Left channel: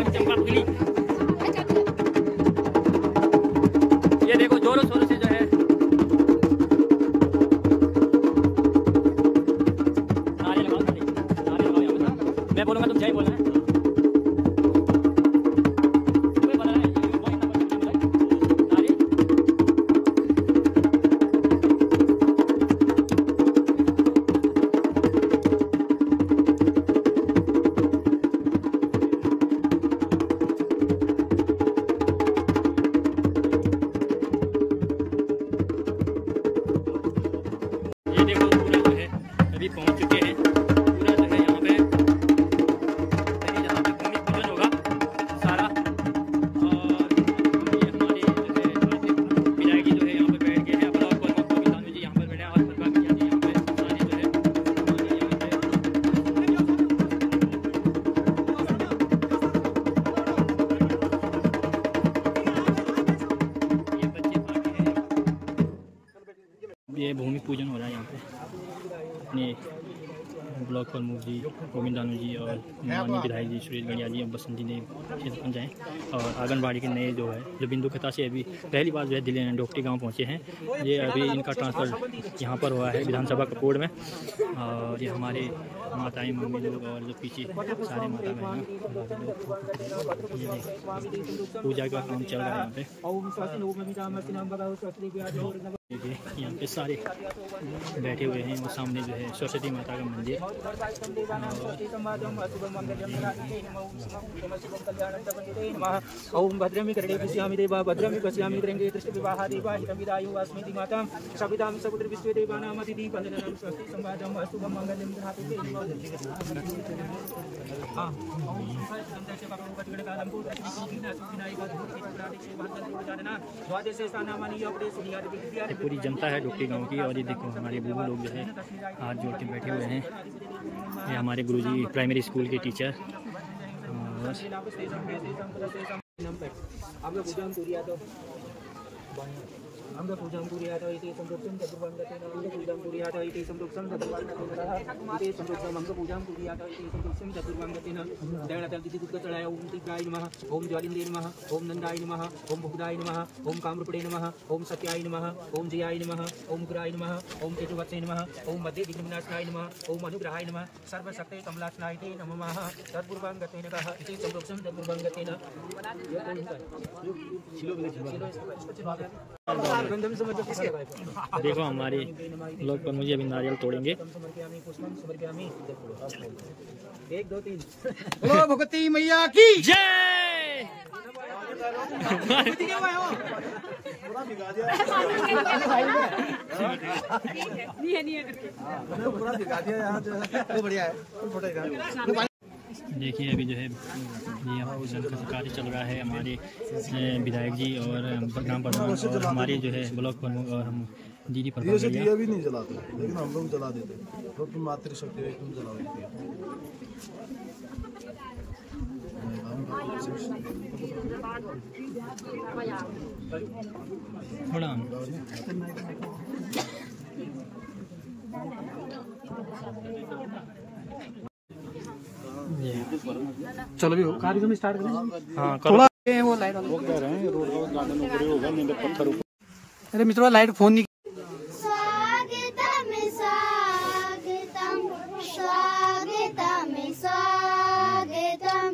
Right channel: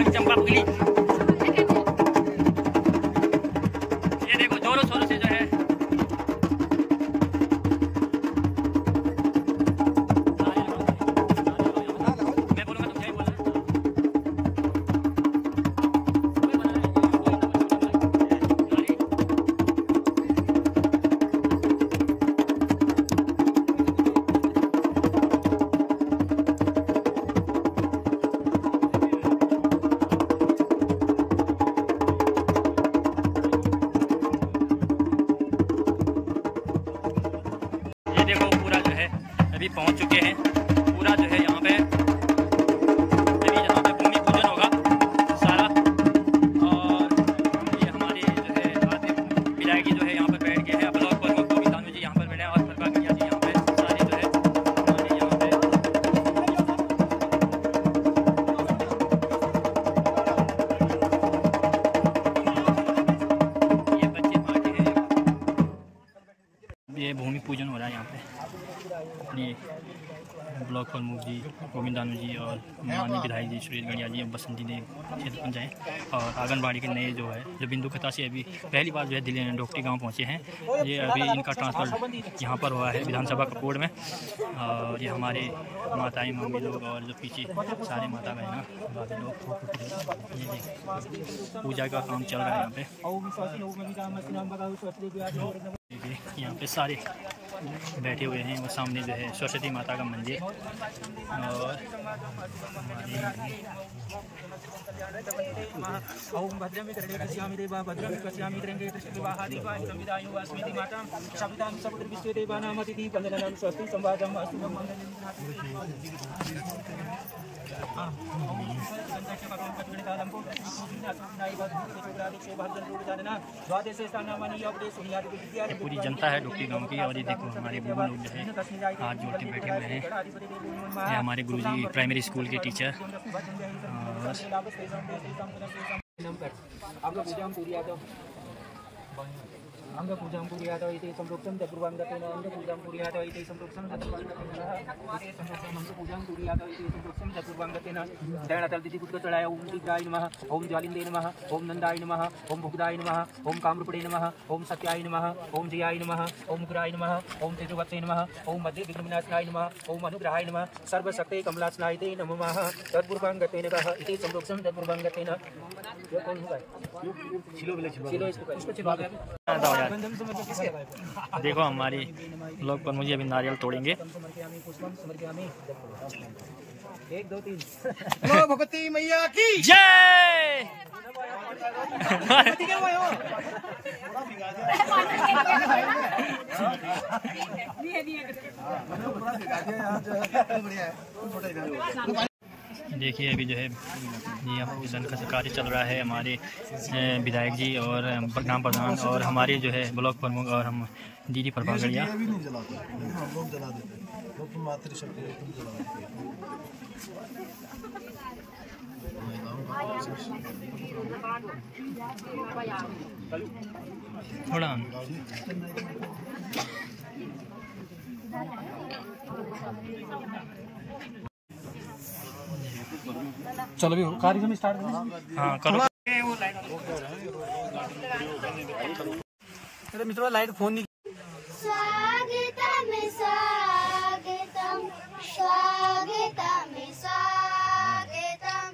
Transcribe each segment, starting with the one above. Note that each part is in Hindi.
हमारी चंपा पुगली। ये देखो जोरों शोरों से जो है मैं बोलूँगा तुम जय बोलना। देखो पूरा जो है अभी पहुंच चुके हैं। पूरा जो है यहाँ पे अभी यहाँ पे भूमि पूजन होगा सारा। और ये हमारे जो है आते विधायक जी जो है यहाँ पर बैठ गए हैं। ब्लॉक प्रमुख गोविंद जी यहाँ पर बैठे हैं और प्रकाश भैया जी यहाँ पे सारे जो है हमारे यहाँ पे ये बच्चे पार्टी है। ये भूमि पूजन हो रहा है यहाँ पे। अपने ब्लॉक प्रमुख जी गोविंद जी और माननीय विधायक जी सुरेश गढ़िया जी और बसंती देव क्षेत्र पंच हैं। और आंगनबाड़ी के नए जो है जो बिंदु खता से अभी पहली बार जो है दिल्ली डोकटी गांव पहुंचे हैं। ये अभी इनका ट्रांसफ़र यहाँ पर हुआ है विधानसभा कपूर में। और ये हमारे माताएं मम्मी लोग और जो पीछे सारे माता बहना भाभी लोग पूजा का काम चल रहा है यहाँ पे। यहाँ पे सारे बैठे हुए हैं और सामने जो है सरस्वती माता का मंदिर। और ओम भद्रमी करणे पश्यामि देवा भद्रमी पश्यामि द्रंगे दृष्टिविवाहा देवा हितमिदायु अस्मिति मातां शपितां समुद्र विश्वे देवानामतिथि पंजननं स्वस्ति संवादं अस्तु मंगलं पूरी जनता है डोकटी गांव की। और ये देखो हमारे बुबू लोग जो है हाथ जोड़ के बैठे हुए हैं। ये हमारे गुरुजी प्राइमरी स्कूल के टीचर। और अंगपूजां कुर्यात् इति संप्रोक्तं चतुर्वाङ्गतेन अंगपूजां कुर्यात् इति संप्रोक्तं चतुर्वाङ्गतेन इति संप्रोक्तं अंगपूजां कुर्यात् इति संप्रोक्तं चतुर्वाङ्गतेन दैणतल्दितिकुत्तचलाय ओम तीव्राय नमः ओम ज्वालिन्द्रे नमः ओम नन्दाय नमः ओम भुक्ताय नमः ओम कामरूपणे नमः ओम सत्याय नमः ओम जयाय नमः ओम उग्राय नमः ओम तेजोवत्से नमः ओम मध्ये विघ्नविनाशनाय नमः ओम अनुग्रहाय नमः सर्वशक्ते कमलासनाय ते नमः तत्पूर्वाङ्गतेन इति संप्रोक्तं तत्पूर्वाङ्गतेन। देखो हमारे लोग पर मुझे अभी नारियल तोड़ेंगे। 1 2 3 बोलो भगवती मैया की जय। देखिए अभी जो है यहाँ पूजन का कार्य चल रहा है। हमारे विधायक जी और ग्राम प्रधान और हमारे जो है ब्लॉक प्रमुख और हम दीदी प्रभा गढ़िया भी नहीं जलाते लेकिन हम लोग जला देते हैं। तो तुम मातृशक्ति तुम जला देते हैं। थोड़ा चलो भी कार्यक्रम स्टार्ट करो। हाँ करो। वो लाइट अरे मित्रों लाइट फोन नहीं। स्वागतम स्वागतम स्वागतम स्वागतम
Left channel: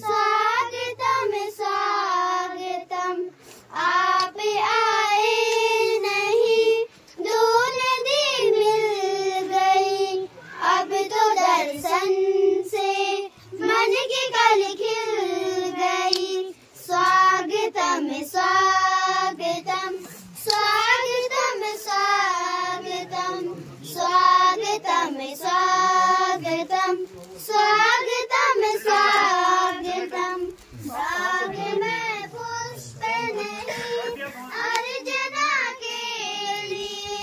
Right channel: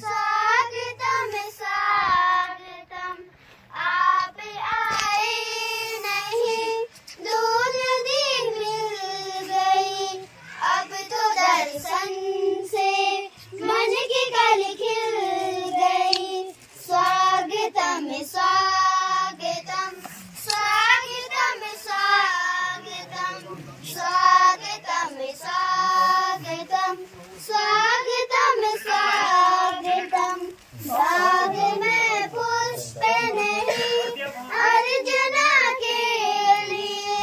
स्वागतम स्वागतम आप आए नहीं दूर दी मिल गई अब तो दर्शन से मन की कल खिल गई। स्वागतम स्वागतम स्वागतम स्वागतम स्वागतम स्वागतम स्वागतम स्वागतम। बाग में पुष्प नहीं अर्चना के लिए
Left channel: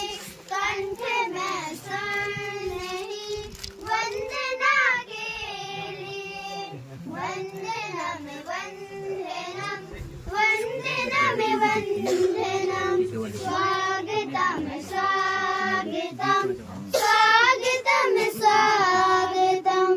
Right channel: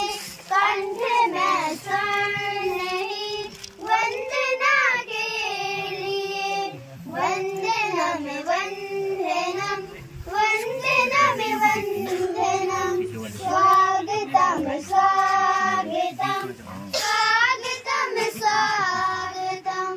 कंठ में स्वर्ण नहीं वंदना के लिए। वंदनम वंदनम वंदनम वंदनम स्वागतम स्वागतम स्वागतम स्वागतम।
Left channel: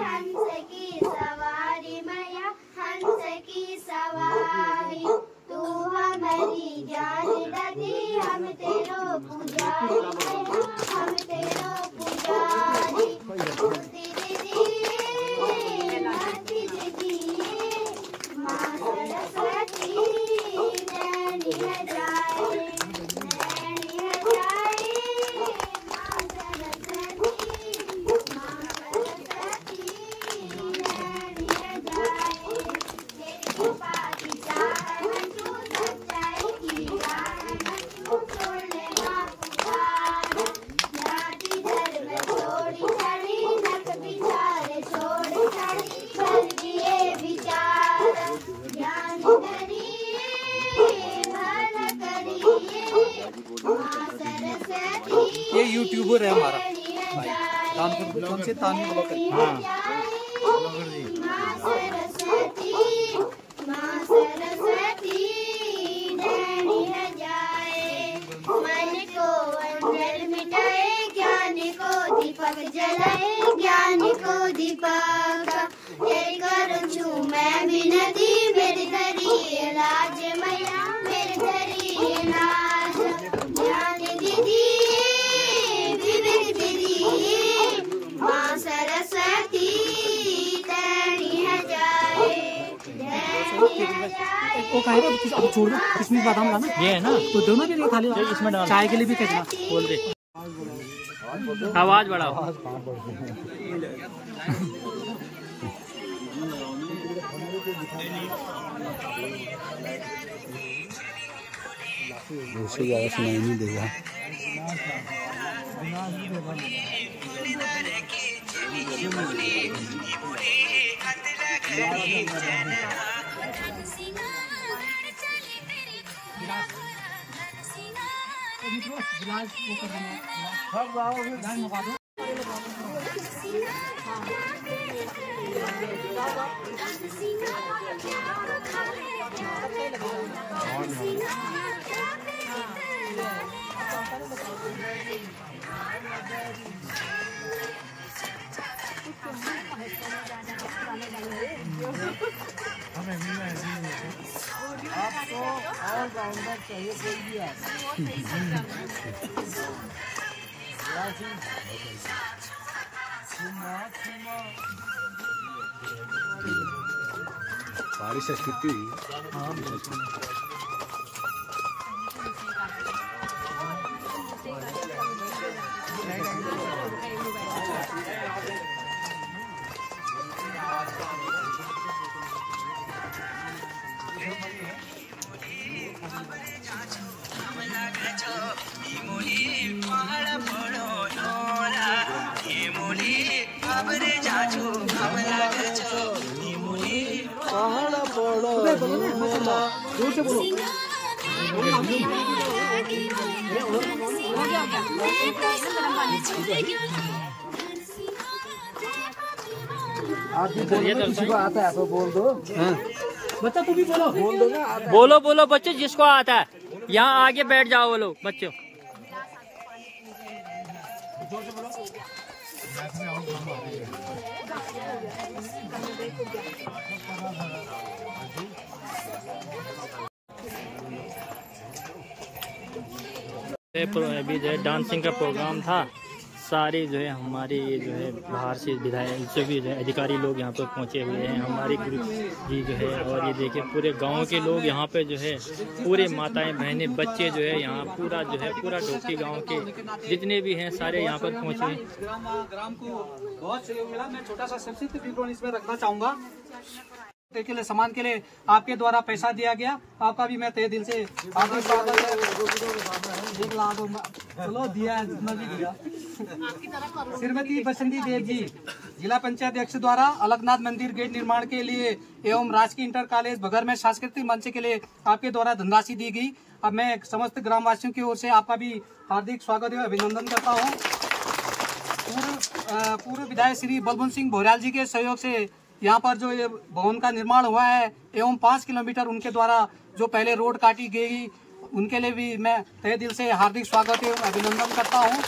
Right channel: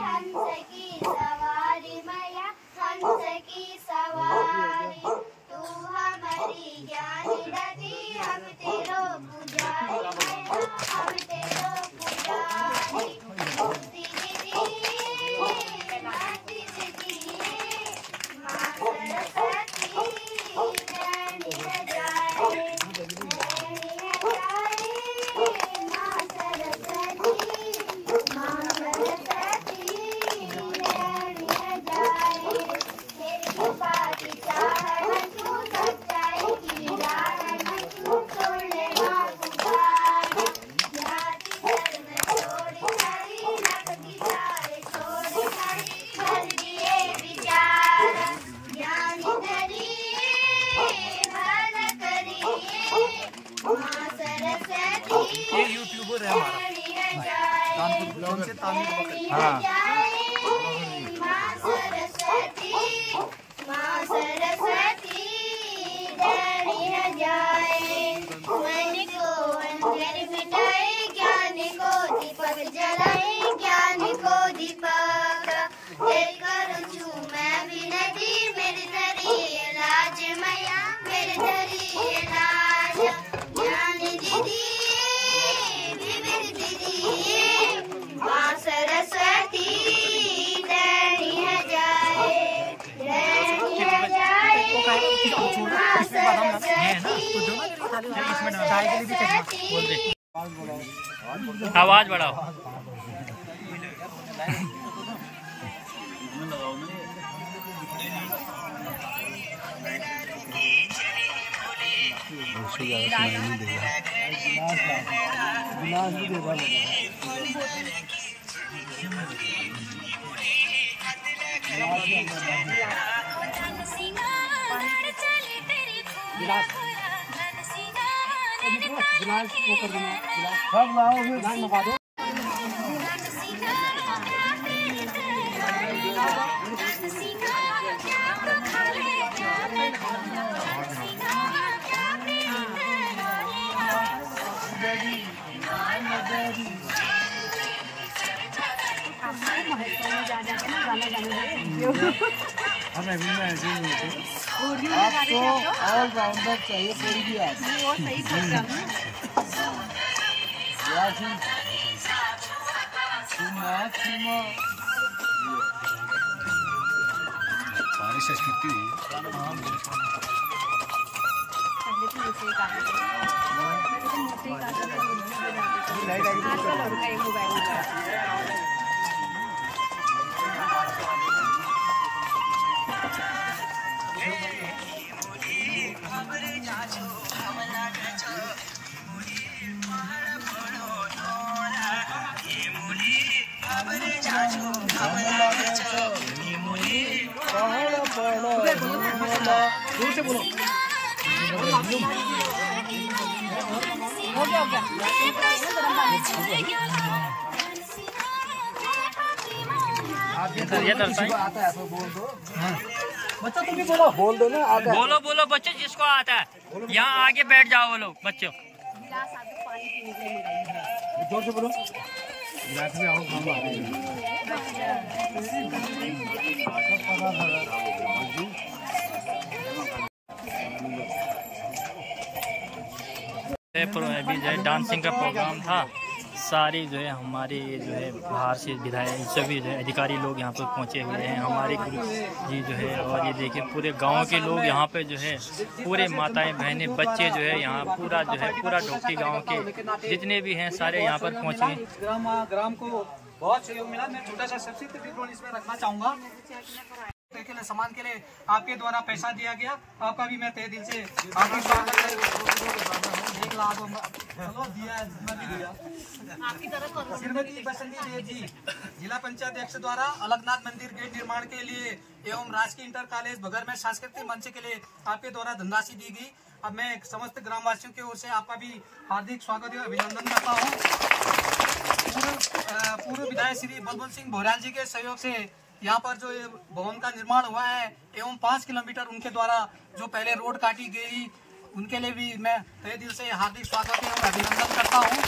हंस की सवारी मैया हंस की सवारी, तू हमारी ज्ञान दती हम तेरो पुजारी मैया हम तेरो पुजारी। मुक्ति दीदी मुक्ति दीदी माँ सरस्वती नैनी हजारे नैनी हजारे माँ सरस्वती माँ सरस्वती नैनी हजारे। तेरी बादशाह है तू सच्चाई की राह है तू छोड़ने माँ पुकारा, जाति धर्म छोड़ी चली नख बिचारे छोड़ चली कर दिए विचारा, ज्ञान धरिए भल करिए माँ सरस्वती। ये यूट्यूबर है हमारा। हाँ माँ सरस्वती माँ सरस्वती नैनी हजारे। मन को अंदर मिटाए ज्ञान को दीपक जलाए ज्ञान को दीपक, तेरी करूँ छू मैं विनती मेरी धरी लाज मैया मेरी धरी लाज। ज्ञान दीदी विविध विधि माँ सरस्वती नैनी हजारे नैनी हजारे। इसमें बताऊंगा ना, ये है ना तो दोनों के लिए खाली इसमें चाय के लिए भी करना बोल दे। आवाज बढ़ाओ। उससे ज्यादा सुनाई नहीं देगा। गिलास वो कर देना, गिलास सब लाओ, गिलास मंगा दो। आपको ऑलराउंडर चाहिए कोई भी बारिश कितनी हुई? हाँ ये आता है तो बोल दो। हाँ बच्चा तुम भी बोलो, बोल दो ना। बोलो बोलो बच्चे जिसको आता है, यहाँ आगे बैठ जाओ बोलो बच्चों। जोर से बोलो। अभी जो है डांसिंग का प्रोग्राम था, सारे जो है हमारे जो है बाहर से विधायक सभी जो है अधिकारी लोग यहाँ पर पहुँचे हुए हैं, हमारे जी जो है। और ये देखिए पूरे गांव के लोग यहाँ पे जो है, पूरे माताएं बहनें बच्चे जो है यहाँ पूरा जो है पूरा ढोकटी गांव के जितने भी हैं सारे यहाँ पर पहुँचे। ग्राम को बहुत सहयोग मिला। मैं छोटा सा संक्षिप्त विवरण इसमें रखना चाहूँगा। के लिए सामान के लिए आपके द्वारा पैसा दिया गया, आपका भी मैं तहे दिल से आगे चलो दिया श्रीमती बसंती देव जी जिला पंचायत अध्यक्ष द्वारा अलगनाथ मंदिर गेट निर्माण के लिए एवं राजकीय इंटर कॉलेज बघर में सांस्कृतिक मंच के लिए आपके द्वारा धनराशि दी गई। अब मैं समस्त ग्रामवासियों की ओर से आपका भी हार्दिक स्वागत एवं अभिनंदन करता हूँ। पूर्व विधायक श्री बलवंत सिंह भोरियाल जी के सहयोग से यहाँ पर जो भवन का निर्माण हुआ है एवं 5 किलोमीटर उनके द्वारा जो पहले रोड काटी गई, उनके लिए भी मैं तहे दिल से हार्दिक स्वागत एवं अभिनंदन करता हूँ।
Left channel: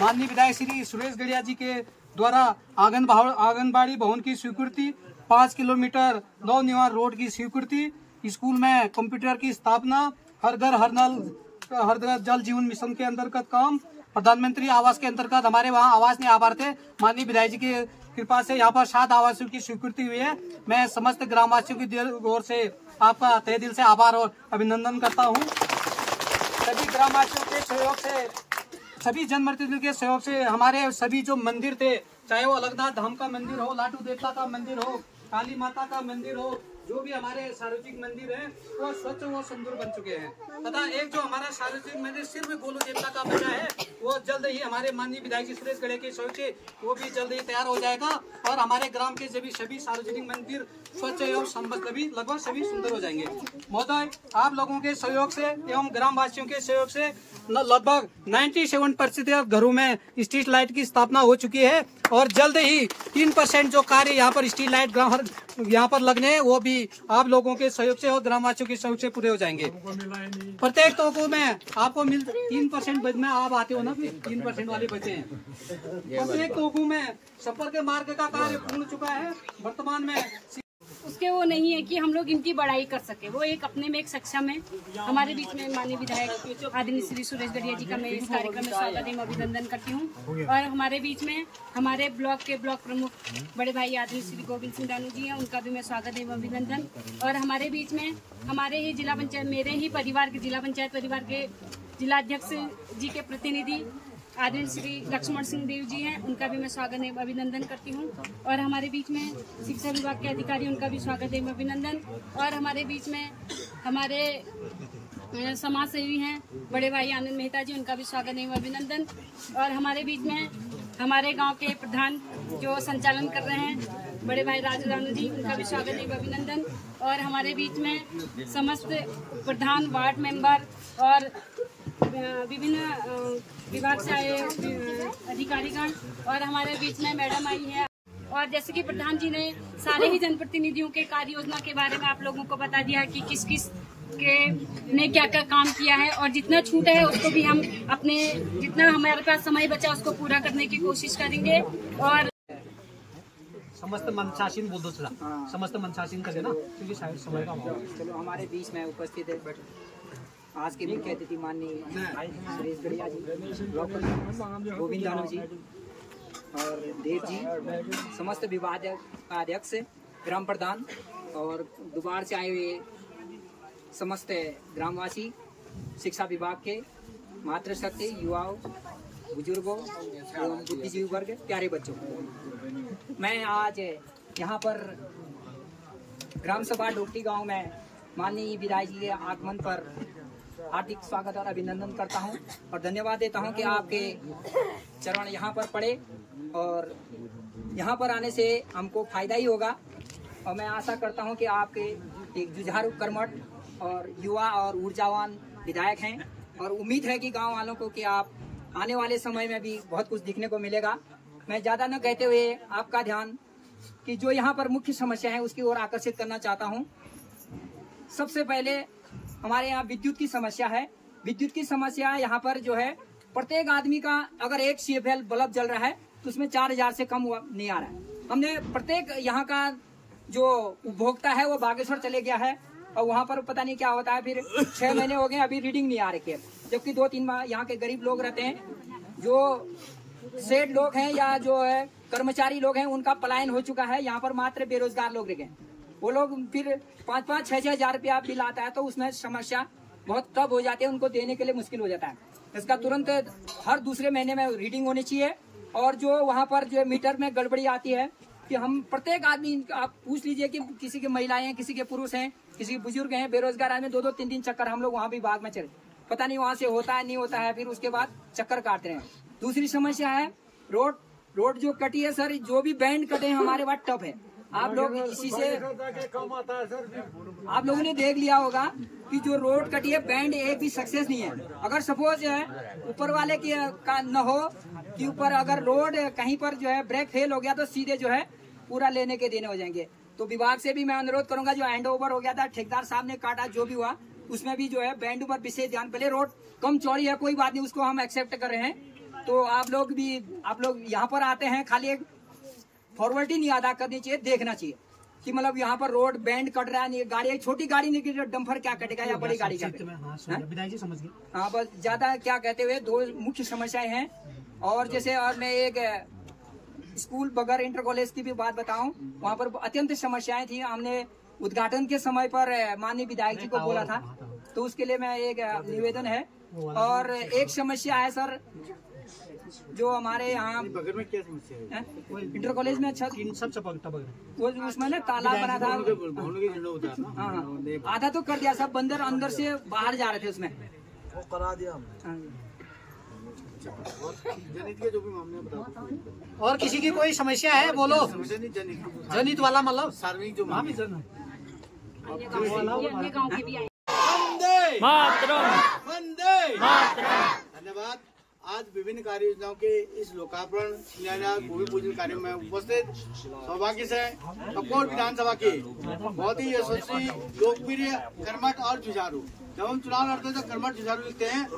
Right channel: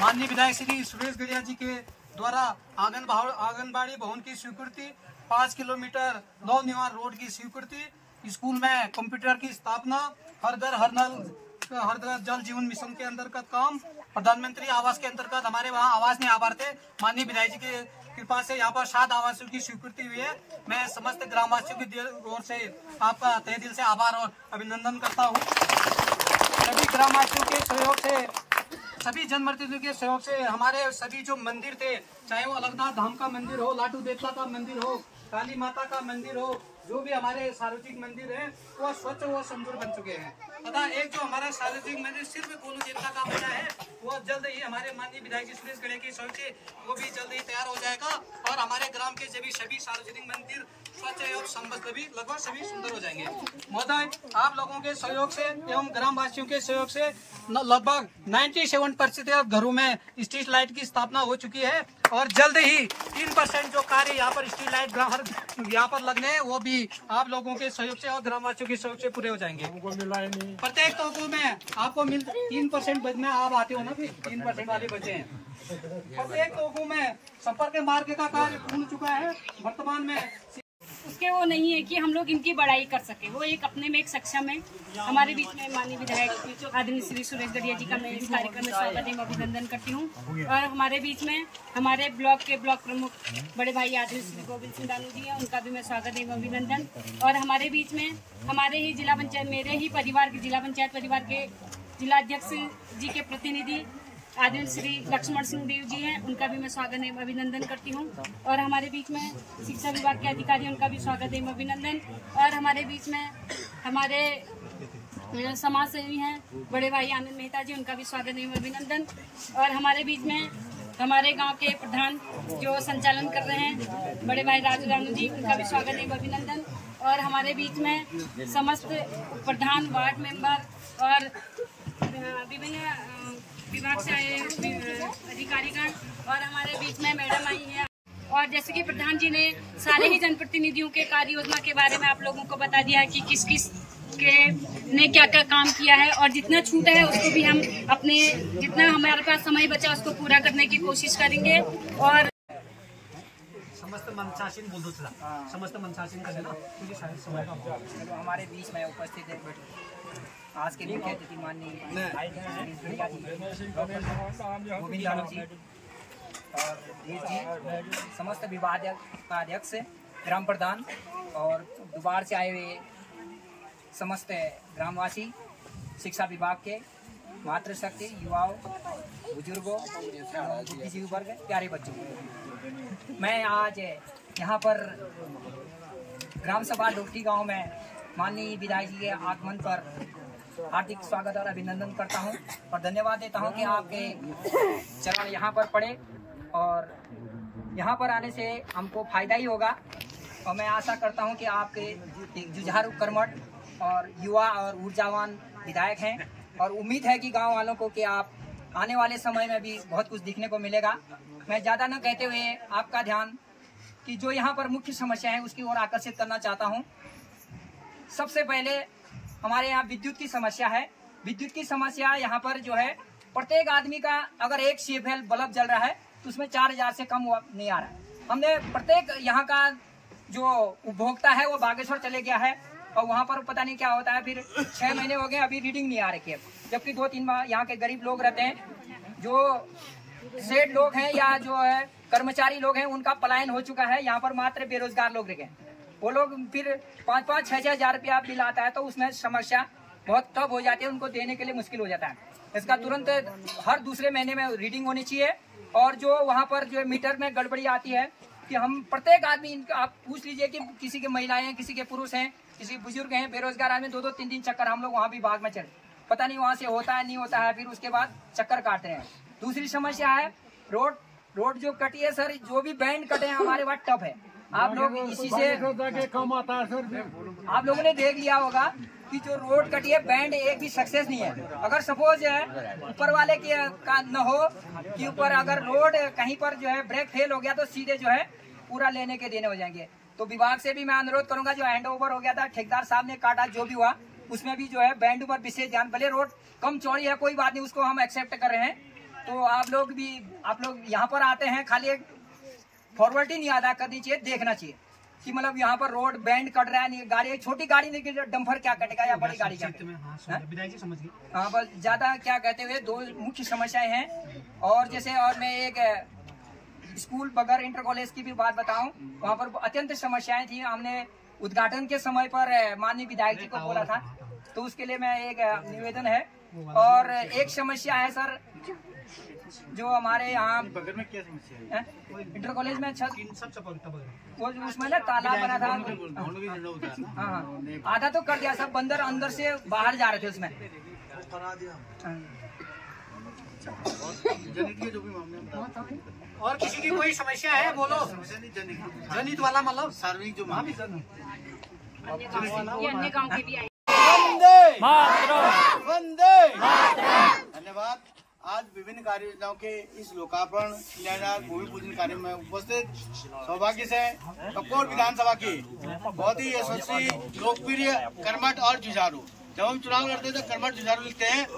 माननीय विधायक श्री सुरेश गड़िया जी के द्वारा आंगनबाड़ी भवन की स्वीकृति, 5 किलोमीटर नवनिर्माण रोड की स्वीकृति, स्कूल में कंप्यूटर की स्थापना, हर घर हर नल हर घर जल जीवन मिशन के अंतर्गत काम, प्रधानमंत्री आवास के अंतर्गत हमारे वहाँ आवास नहीं आ पा रहे थे, माननीय विधायक जी की कृपा से यहाँ पर 7 आवासों की स्वीकृति हुई है। मैं समस्त ग्रामवासियों की ओर से आपका तहे दिल से आभार और अभिनंदन करता हूँ। सभी ग्रामवासियों के सहयोग से, सभी जनप्रतिनिधियों के सहयोग से हमारे सभी जो मंदिर थे, चाहे वो अलगनाथ धाम का मंदिर हो, लाटू देवता का मंदिर हो, काली माता का मंदिर हो, जो भी हमारे सार्वजनिक मंदिर है वो स्वच्छ व सुंदर बन चुके हैं। तथा एक जो हमारा सार्वजनिक मंदिर सिर्फ गोलू देवता का बना है, वो जल्द ही हमारे माननीय विधायक जी सुरेश गड़े के सहयोग से वो भी जल्द ही तैयार हो जाएगा और हमारे ग्राम के सभी सार्वजनिक मंदिर स्वच्छ एवं संबद्ध भी लगभग सभी सुंदर हो जाएंगे। महोदय, आप लोगों के सहयोग से एवं ग्रामवासियों के सहयोग से लगभग 97% घरों में स्ट्रीट लाइट की स्थापना हो चुकी है और जल्द ही 3% जो कार्य यहाँ पर स्ट्रीट लाइट यहाँ पर लगने हैं वो भी आप लोगों के सहयोग से और ग्रामवासियों के सहयोग से पूरे हो जाएंगे। प्रत्येक तोकों में आपको 3% बच में आप आते हो ना, फिर 3% वाले बचे हैं। प्रत्येक तोकों में संपर्क मार्ग का कार्य पूर्ण चुका है। वर्तमान में उसके वो नहीं है कि हम लोग इनकी बड़ाई कर सके, वो एक अपने में एक सक्षम है। हमारे बीच में माननीय विधायक आदरणीय श्री सुरेश गड़िया जी का मैं इस कार्यक्रम में स्वागत एवं अभिनंदन करती हूँ। और हमारे बीच में हमारे ब्लॉक के ब्लॉक प्रमुख बड़े भाई आदरणीय श्री गोविंद सिंह दानू जी हैं, उनका भी मैं स्वागत एवं अभिनंदन। और हमारे बीच में हमारे ही जिला पंचायत, मेरे ही परिवार के जिला पंचायत परिवार के जिला अध्यक्ष जी के प्रतिनिधि आदरणीय श्री लक्ष्मण सिंह देव जी हैं, उनका भी मैं स्वागत एवं अभिनंदन करती हूँ। और हमारे बीच में शिक्षा विभाग के अधिकारी, उनका भी स्वागत एवं अभिनंदन। और हमारे बीच में हमारे समाज सेवी हैं बड़े भाई आनंद मेहता जी, उनका भी स्वागत एवं अभिनंदन। और हमारे बीच में हमारे गांव के प्रधान जो संचालन कर रहे हैं बड़े भाई राजू रानू जी, उनका भी स्वागत एवं अभिनंदन। और हमारे बीच में समस्त प्रधान, वार्ड मेंबर और विभिन्न विभाग से आए अधिकारीगण और हमारे बीच में मैडम आई है। और जैसे कि प्रधान जी ने सारे ही जनप्रतिनिधियों के कार्य योजना के बारे में आप लोगों को बता दिया कि किस किस के ने क्या क्या काम किया है और जितना छूटा है उसको भी हम अपने जितना हमारे पास समय बचा उसको पूरा करने की कोशिश करेंगे। और समस्त मंचासीन बोल दो थोड़ा, समस्त मंचासीन का देना मुझे शायद समय का। चलो, हमारे बीच में उपस्थित है आज के मुख्य अतिथि माननीय सुरेश गड़िया जी, ब्लॉक प्रमुख गोविंद दानू जी और देव जी, समस्त विभाग का अध्यक्ष, ग्राम प्रधान और दुबार से आए हुए समस्त ग्रामवासी, शिक्षा विभाग के मातृशक्ति, युवाओं, बुजुर्गों एवं बुद्धिजीवी वर्ग, प्यारे बच्चों, मैं आज यहाँ पर ग्राम सभा डोकटी गांव में माननीय विधायक जी के आगमन पर हार्दिक स्वागत और अभिनंदन करता हूं और धन्यवाद देता हूं कि आपके चरण यहाँ पर पड़े और यहाँ पर आने से हमको फायदा ही होगा। और मैं आशा करता हूं कि आपके एक जुझारू कर्मठ और युवा और ऊर्जावान विधायक हैं और उम्मीद है कि गांव वालों को कि आप आने वाले समय में भी बहुत कुछ दिखने को मिलेगा। मैं ज़्यादा न कहते हुए आपका ध्यान कि जो यहाँ पर मुख्य समस्या है उसकी ओर आकर्षित करना चाहता हूँ। सबसे पहले हमारे यहाँ विद्युत की समस्या है। विद्युत की समस्या यहाँ पर जो है, प्रत्येक आदमी का अगर एक CFL बल्ब जल रहा है तो उसमें 4000 से कम नहीं आ रहा है। हमने प्रत्येक यहाँ का जो उपभोक्ता है वो बागेश्वर चले गया है और वहाँ पर पता नहीं क्या होता है, फिर 6 महीने हो गए अभी रीडिंग नहीं आ रही है। जबकि 2-3 बार यहाँ के गरीब लोग रहते हैं, जो सेठ लोग हैं या जो है कर्मचारी लोग हैं, उनका पलायन हो चुका है। यहाँ पर मात्र बेरोजगार लोग रह गए, वो लोग फिर 5-5-6-6 हजार रुपया बिल आता है तो उसमें समस्या बहुत तब हो जाती है, उनको देने के लिए मुश्किल हो जाता है। इसका तुरंत हर दूसरे महीने में रीडिंग होनी चाहिए। और जो वहाँ पर जो मीटर में गड़बड़ी आती है कि हम प्रत्येक आदमी, आप पूछ लीजिए कि किसी के महिलाएं हैं, किसी के पुरुष हैं, किसी के बुजुर्ग हैं, बेरोजगार आदमी 2-2 3-3 चक्कर हम लोग वहाँ भी बाग में चले, पता नहीं वहाँ से होता है नहीं होता है, फिर उसके बाद चक्कर काटते हैं। दूसरी समस्या है रोड जो कटी है सर, जो भी बैंड कटे हैं हमारे वहाँ टफ है। आप लोग इसी से आप लोगों ने देख लिया होगा कि जो रोड कटी है बैंड एक भी सक्सेस नहीं है। अगर सपोज ऊपर वाले की का न हो कि ऊपर अगर रोड कहीं पर जो है ब्रेक फेल हो गया तो सीधे जो है पूरा लेने के देने हो जाएंगे। तो विभाग से भी मैं अनुरोध करूंगा, जो हैंड ओवर हो गया था, ठेकेदार साहब ने काटा, जो भी हुआ उसमें भी जो है बैंड पर विशेष ध्यान। भले रोड कम चौड़ी है कोई बात नहीं, उसको हम एक्सेप्ट कर रहे हैं, तो आप लोग यहाँ पर आते हैं, खाली एक फॉर्मेलिटी नहीं अदा करनी चाहिए, देखना चाहिए कि मतलब यहाँ पर रोड बैंड कट रहा है, नहीं गाड़ी छोटी गाड़ी नहीं, डंपर क्या कटेगा या बड़ी गाड़ी क्या कटेगा। हाँ, बस ज्यादा क्या कहते हुए दो मुख्य समस्याएं हैं। और जैसे और मैं एक स्कूल बगर इंटर कॉलेज की भी बात बताऊं, वहाँ पर अत्यंत समस्याएं थी। हमने उद्घाटन के समय पर माननीय विधायक जी को बोला था, तो उसके लिए मैं एक निवेदन है। और एक समस्या है सर, जो हमारे यहाँ बगल में क्या समस्या है? इंटर कॉलेज में छत वो उसमें ना तालाब बना था। हाँ, आधा तो कर दिया, सब बंदर अंदर से बाहर जा रहे थे उसमें, करा दिया। जनित के जो भी मामले बताओ। और किसी की कोई समस्या है बोलो। जनित वाला मतलब सार्वजनिक जो मामले अन्य गाँव के भी आए। मातरम, वंदे मातरम। धन्यवाद। आज विभिन्न कार्य योजनाओं के इस लोकार्पण शिलान्यास भूमि पूजन कार्य में उपस्थित सौभाग्य से कपकोट विधानसभा के बहुत ही यशस्वी, लोकप्रिय, कर्मठ और जुझारू। जब हम चुनाव लड़ते हैं तो कर्मठ जुझारू लिखते हैं,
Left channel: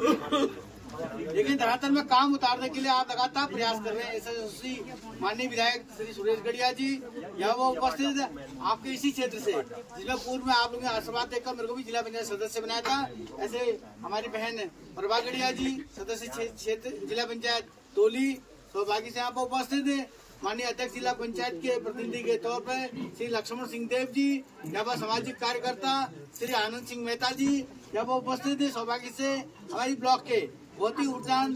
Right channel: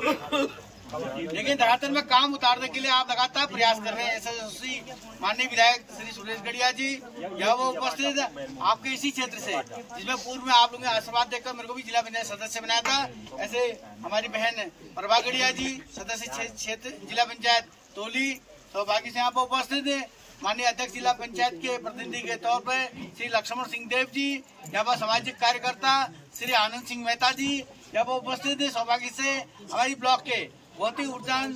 लेकिन धरातल में काम उतारने के लिए आप लगातार प्रयास कर रहे हैं। ऐसे यशस्वी माननीय विधायक श्री सुरेश गढ़िया जी यहाँ वो उपस्थित आपके इसी क्षेत्र से, जिसमें पूर्व में आप लोगों ने आशीर्वाद देकर मेरे को भी जिला पंचायत सदस्य बनाया था। ऐसे हमारी बहन प्रभा गढ़िया जी सदस्य क्षेत्र जिला पंचायत तोली, सौभाग्य से यहाँ पर उपस्थित है। माननीय अध्यक्ष जिला पंचायत के प्रतिनिधि के तौर पर श्री लक्ष्मण सिंह देव जी, यहाँ पर सामाजिक कार्यकर्ता श्री आनंद सिंह मेहता जी यहाँ पर उपस्थित है। सौभाग्य से हमारी ब्लॉक के बहुत ही ऊर्जावान,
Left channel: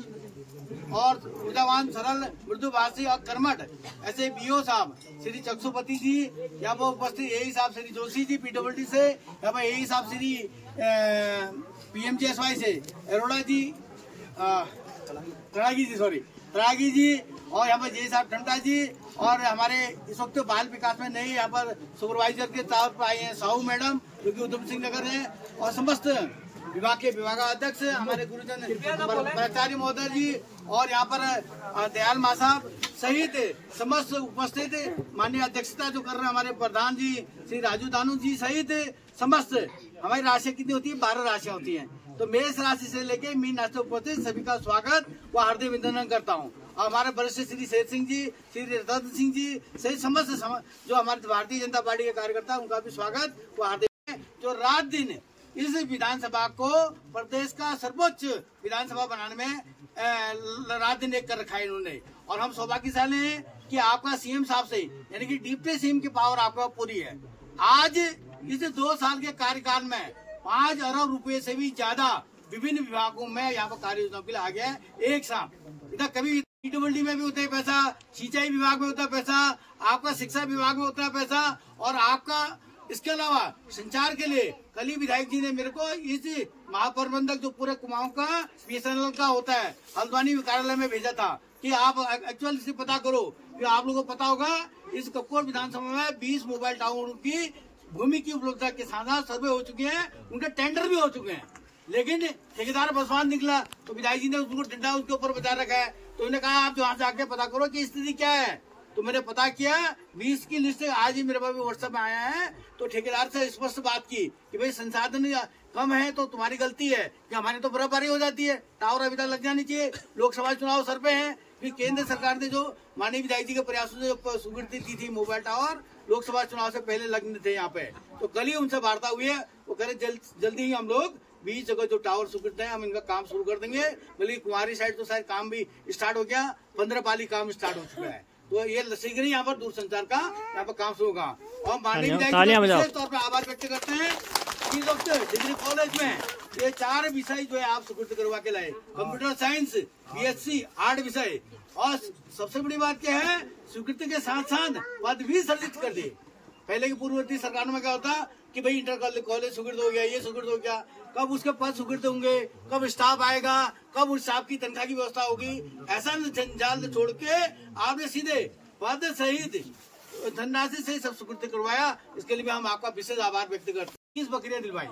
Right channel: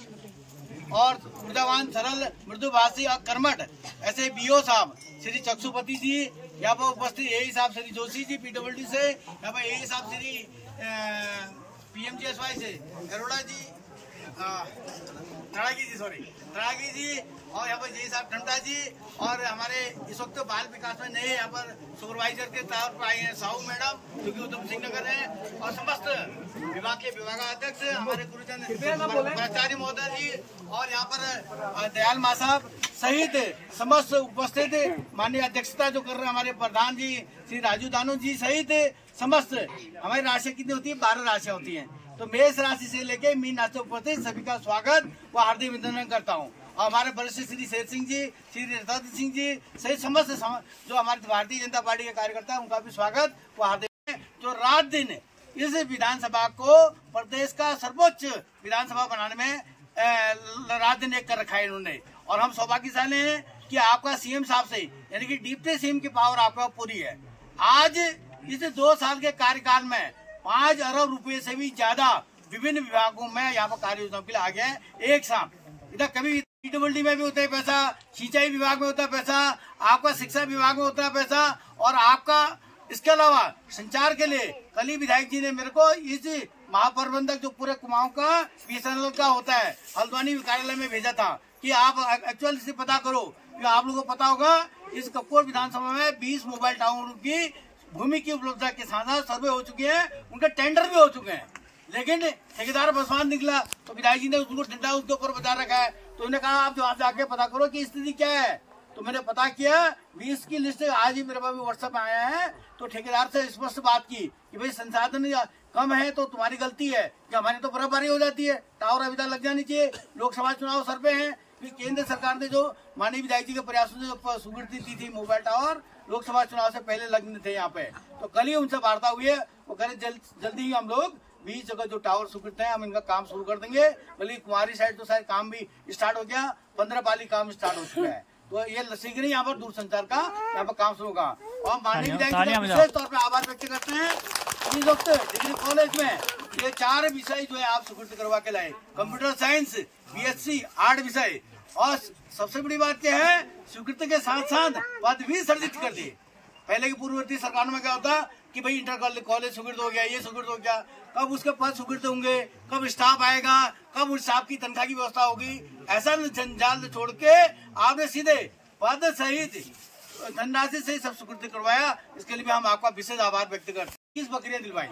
सरल, मृदुभाषी और कर्मठ ऐसे बीओ साहब श्री चक्षुपति जी यहाँ पर उपस्थित, यही साहब श्री जोशी जी पीडब्ल्यूडी से, यहाँ पर यही साहब श्री PMGSY से अरोड़ा जी, तड़ागी जी, और यहाँ पर जय साहब ठंडा जी, और हमारे इस वक्त बाल विकास में नए यहाँ पर सुपरवाइजर के तौर पर आए हैं साहू मैडम, जो कि उधम सिंह नगर है, और समस्त विभाग के विभागाध्यक्ष हमारे गुरुजन प्राचार्य महोदय जी, और यहाँ पर दयाल माँ साहब सहित समस्त उपस्थित माननीय अध्यक्षता जो कर रहे हैं हमारे प्रधान जी श्री राजू दानू जी सहित समस्त। हमारी राशियाँ कितनी होती है? 12 राशियाँ होती हैं। तो मेष राशि से लेके मीन राशि उपस्थित सभी का स्वागत व हार्दिक अभिनंदन करता हूँ। हमारे वरिष्ठ श्री शेर सिंह जी, श्री रतन सिंह जी सहित समस्त जो हमारे भारतीय जनता पार्टी के कार्यकर्ता उनका भी स्वागत व हार्दिक। जो रात दिन इस विधानसभा को प्रदेश का सर्वोच्च विधानसभा बनाने में रात दिन एक कर रखा है इन्होंने, और हम सौभाग्यशाली हैं कि आपका सीएम साहब से यानी कि डिप्टी सीएम की पावर आपका पूरी है। आज इस 2 साल के कार्यकाल में 5 अरब रुपए से भी ज्यादा विभिन्न विभागों में यहाँ पर कार्य योजनाओं के लिए आ गया है एक साथ। इधर कभी पीडब्ल्यूडी में भी होता है पैसा, सिंचाई विभाग में होता है पैसा, आपका शिक्षा विभाग में होता है पैसा, और आपका इसके अलावा संचार के लिए कल ही विधायक जी ने मेरे को इस महाप्रबंधक जो पूरे कुमाऊं का BSNL का होता है हल्द्वानी कार्यालय में भेजा था कि आप एक्चुअल से पता करो। कि आप लोगों को पता होगा इस कपकोट विधानसभा में 20 मोबाइल टावर की भूमि की उपलब्धता के साथ साथ सर्वे हो चुके हैं, उनके टेंडर भी हो चुके हैं, लेकिन ठेकेदार बसवान निकला तो विधायक जी ने उसको डंडा उसके ऊपर बचा रखा है। तो उन्होंने कहा आप वहाँ से आके पता करो कि स्थिति क्या है। तो मैंने पता किया 20 की लिस्ट आज ही मेरे पास व्हाट्सएप में आया है। तो ठेकेदार से स्पष्ट बात की कि भाई संसाधन कम है तो तुम्हारी गलती है कि हमारी तो बराबरी हो जाती है, टावर अभी तक लग जानी चाहिए, लोकसभा चुनाव सर पे हैं। फिर केंद्र सरकार ने जो माननीय विधायक जी के प्रयासों से स्वीकृति दी थी मोबाइल टावर लोकसभा चुनाव से पहले लगने थे यहाँ पे, तो कल ही उनसे वार्ता हुई है। वो कह रहे जल्दी ही हम लोग 20 जगह जो टावर स्वीकृत है हम इनका काम शुरू कर देंगे। बल्कि कुमारी साइड तो शायद काम भी स्टार्ट हो गया, 15 पाली काम स्टार्ट हो चुका है। तो ये शीघ्र ही यहाँ पर दूरसंचार का यहाँ पर काम शुरू होगा। और माननीय विधायक विशेष तौर पर आभार व्यक्त करते हैं। इस वक्त डिग्री कॉलेज में ये 4 विषय जो है आप स्वीकृत करवा के लाए, कंप्यूटर साइंस, BSc 8 विषय, और सबसे बड़ी बात क्या है स्वीकृति के साथ साथ पदवी सर्जित कर दी। पहले की पूर्ववर्ती सरकारों में क्या होता कि भाई इंटर कॉलेज स्वीकृत हो गया, ये स्वीकृत हो गया, कब उसके पद स्वीकृत होंगे, कब स्टाफ आएगा, कब उस स्टाफ की तनख्वाह की व्यवस्था होगी, ऐसा जंजाल छोड़ के आपने सीधे पद सहित धनराशि से सब स्वीकृति करवाया। इसके लिए भी हम आपका विशेष आभार व्यक्त करते हैं। 21 बकरियां दिलवाई,